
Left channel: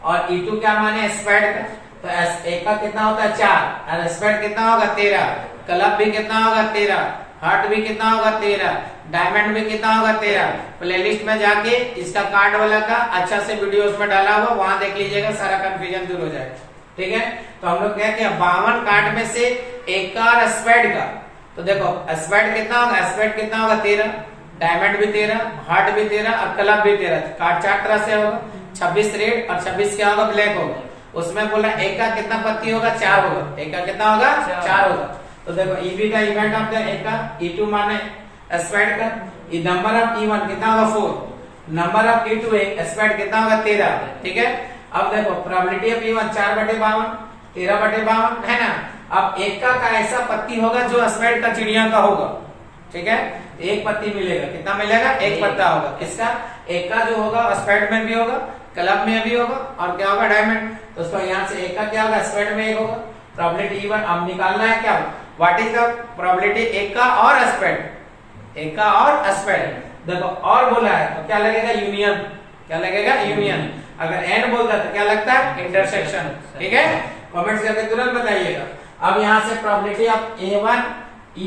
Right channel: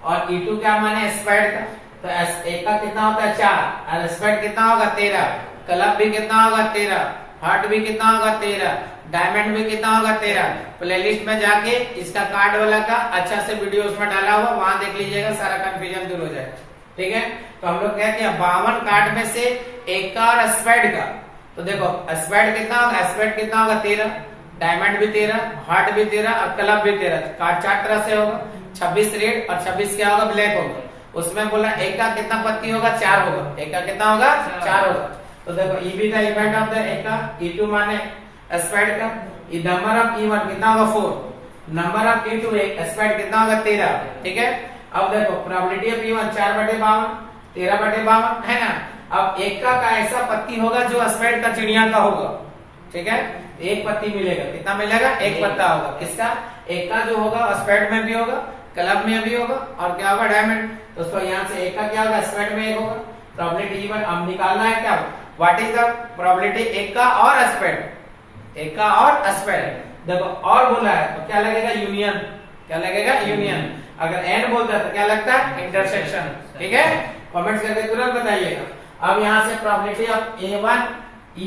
और E2 क्या माने, स्पेड का। तो एका कितना होता है, 4, और स्पेड कितना होगा, 13। क्लब भी कितना होगा, 13। हार्ट भी कितना होगा, 13। डायमंड भी कितना होगा, 13। प्लेलिस्ट में जाके इसका कार्ड वाला का अच्छा से वीडियो उसमें डाला हुआ, वहां देख लीजिएगा, सारा कंफ्यूजन दूर हो जाएगा। ठीक है, तो हम लोग कहते हैं 52 कार्ड में से एक का और स्पेड का। तो देखो स्पेड कितना होगा, स्पेड कितना होगा, 13। डायमंड भी 13, हार्ट भी 13 और क्लब भी 13। कार्ड 4 तरह से होगा, 26 रेड और 26 क्या होगा, ब्लैक होगा। उसमें बोला एक का कितना पत्ती होगा, 4 होगा। एक का कितना होगा, 4 होगा। तो देखो EB the event of the एक का, E2 माने स्पेड का, नंबर ऑफ E1 कितना होगा, 4। नंबर ऑफ E2 स्पेड कितना होगा, 13। ठीक है, अब देखो प्रोबेबिलिटी ऑफ E1 4/52, 13/52 है ना। अब एक का ऐसा पत्ती होगा जो स्पेड का चिड़िया का होगा। ठीक है, एक पत्ती मिलेगा, कितना मिलेगा, एक पत्ता होगा। किसका, एक का जो होगा स्पेड में भी होगा, क्लब में भी होगा, और क्या होगा, डायमंड। तो उसको यहाँ से एक का क्या होगा, स्पेड में एक होगा। प्रोबेबिलिटी E1 अब निकालना है क्या, व्हाट इज द प्रोबेबिलिटी एक का और स्पेड, एक का और स्पेड। देखो और बोला है तो क्या लगेगा, यूनियन। क्या लगेगा, यूनियन। अगर एंड बोलता है तो क्या लगता है, इंटरसेक्शन। ठीक है, कमेंट्स करके तुरंत बताइएगा। अब यहाँ से probability of A1 E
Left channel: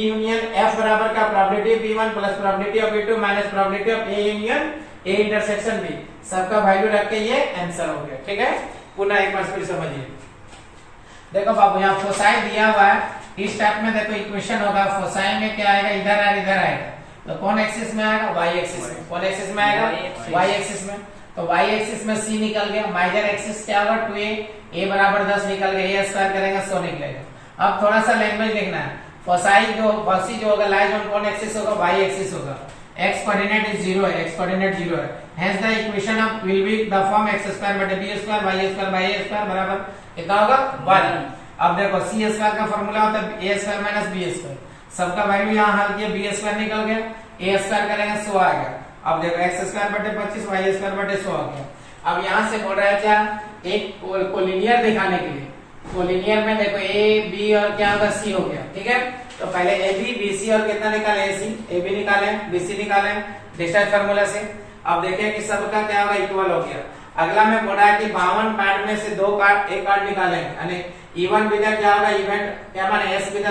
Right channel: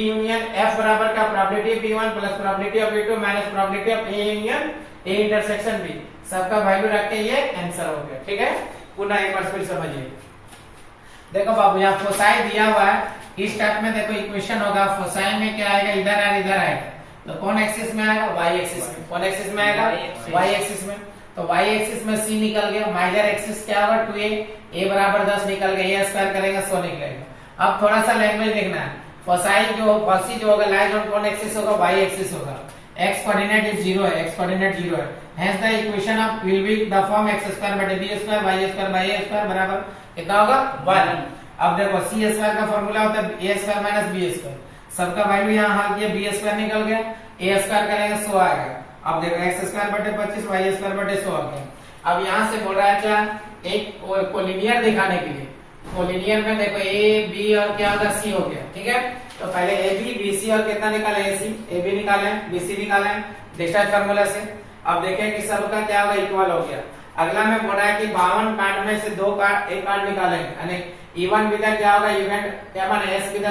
union F बराबर का probability of E1 plus probability of E2 minus probability of A union A intersection B, सबका वैल्यू रख के ये आंसर हो गया। ठीक है, पुनः एक बार फिर समझिए। देखो बाबू यहाँ फोसाई दिया हुआ है, इस टाइप में देखो इक्वेशन होगा। फोसाई में क्या आएगा, इधर और इधर आएगा। तो कौन एक्सिस में आएगा, वाई एक्सिस में। कौन एक्सिस में आएगा, वाई एक्सिस में। तो वाई एक्सिस में C निकल गया। माइनर एक्सिस क्या होगा, 2A बराबर 10 निकल गया, A स्क्वायर करेगा 100 निकलेगा। अब थोड़ा सा लैंग्वेज देखना है। फोसाई जो होगा लाइज ऑन कौन एक्सिस होगा, वाई एक्सिस होगा। x कोऑर्डिनेट इज 0 है, x कोऑर्डिनेट 0 है। Hence the equation of will be the form x square बटे b square y square by a square बराबर कितना होगा, 1। अब देखो c स्क्वायर का फार्मूला होता है a square minus b square. सबका वैल्यू यहाँ हल किया, b स्क्वायर निकल गया, a स्क्वायर करेंगे 100 आएगा। अब देखो x स्क्वायर बटे 25 y स्क्वायर बटे 100 आ गया। अब यहाँ से बोल रहा है क्या, एक कोलिनियर दिखाने के लिए। कोलिनियर में देखो a b और क्या होगा, c हो गया। ठीक है, तो पहले ए बी बी सी और कितना निकाले, ए बी निकाले, बी सी निकाले डिस्टेंस फार्मूला से। अब देखें कि सबका क्या होगा, इक्वल हो गया। अगला में बोला है कि 52 कार्ड में से 2 कार्ड, एक कार्ड निकालेंगे, यानी इवन विद क्या होगा, इवेंट क्या माने S with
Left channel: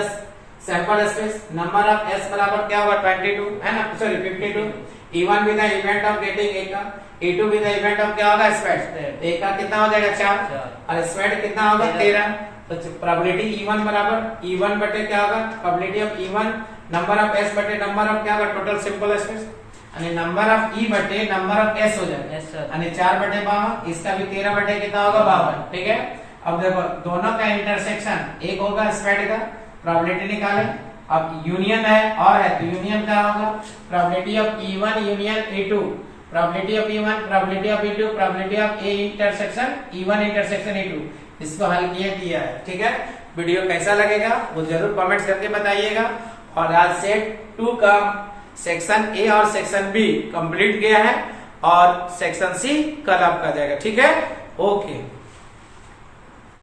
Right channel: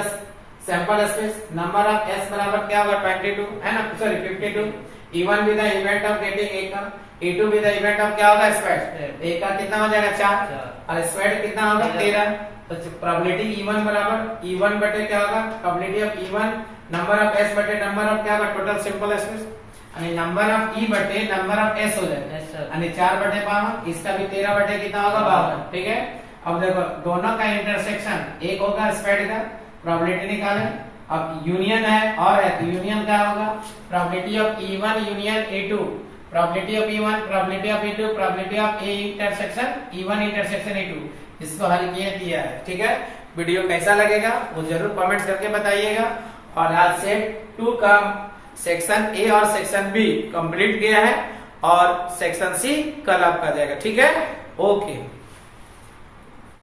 sample space. Number of S बराबर क्या होगा, 22 है ना, sorry 52। E1 with the event of getting a का, E2 with the event of क्या होगा स्क्वायर, ए का कितना हो जाएगा 4 और स्क्वायर कितना होगा 13। तो प्रोबेबिलिटी E1 बराबर E1 बटे क्या होगा probability of E1 number of S बटे नंबर ऑफ क्या होगा टोटल सिंपल स्पेस અને नंबर ऑफ E बटे नंबर ऑफ S हो जाएगा અને 4 बटे 52, इसका भी 13 बटे कितना होगा 52। ठीक है, अब देखो दोनों का इंटरसेक्शन एक होगा स्क्वायर का, प्रोबेबिलिटी निकालें। अब यूनियन है और है तो यूनियन क्या होगा probability of E1 union E2, probability of E1 probability of E2 probability of A intersection E1 intersection E2। इसको हल किया है। ठीक है, वीडियो कैसा लगेगा वो जरूर कमेंट करके बताइएगा। और आज सेट 2 का सेक्शन ए और सेक्शन बी कंप्लीट गया है और सेक्शन सी कल आपका जाएगा। ठीक है, ओके।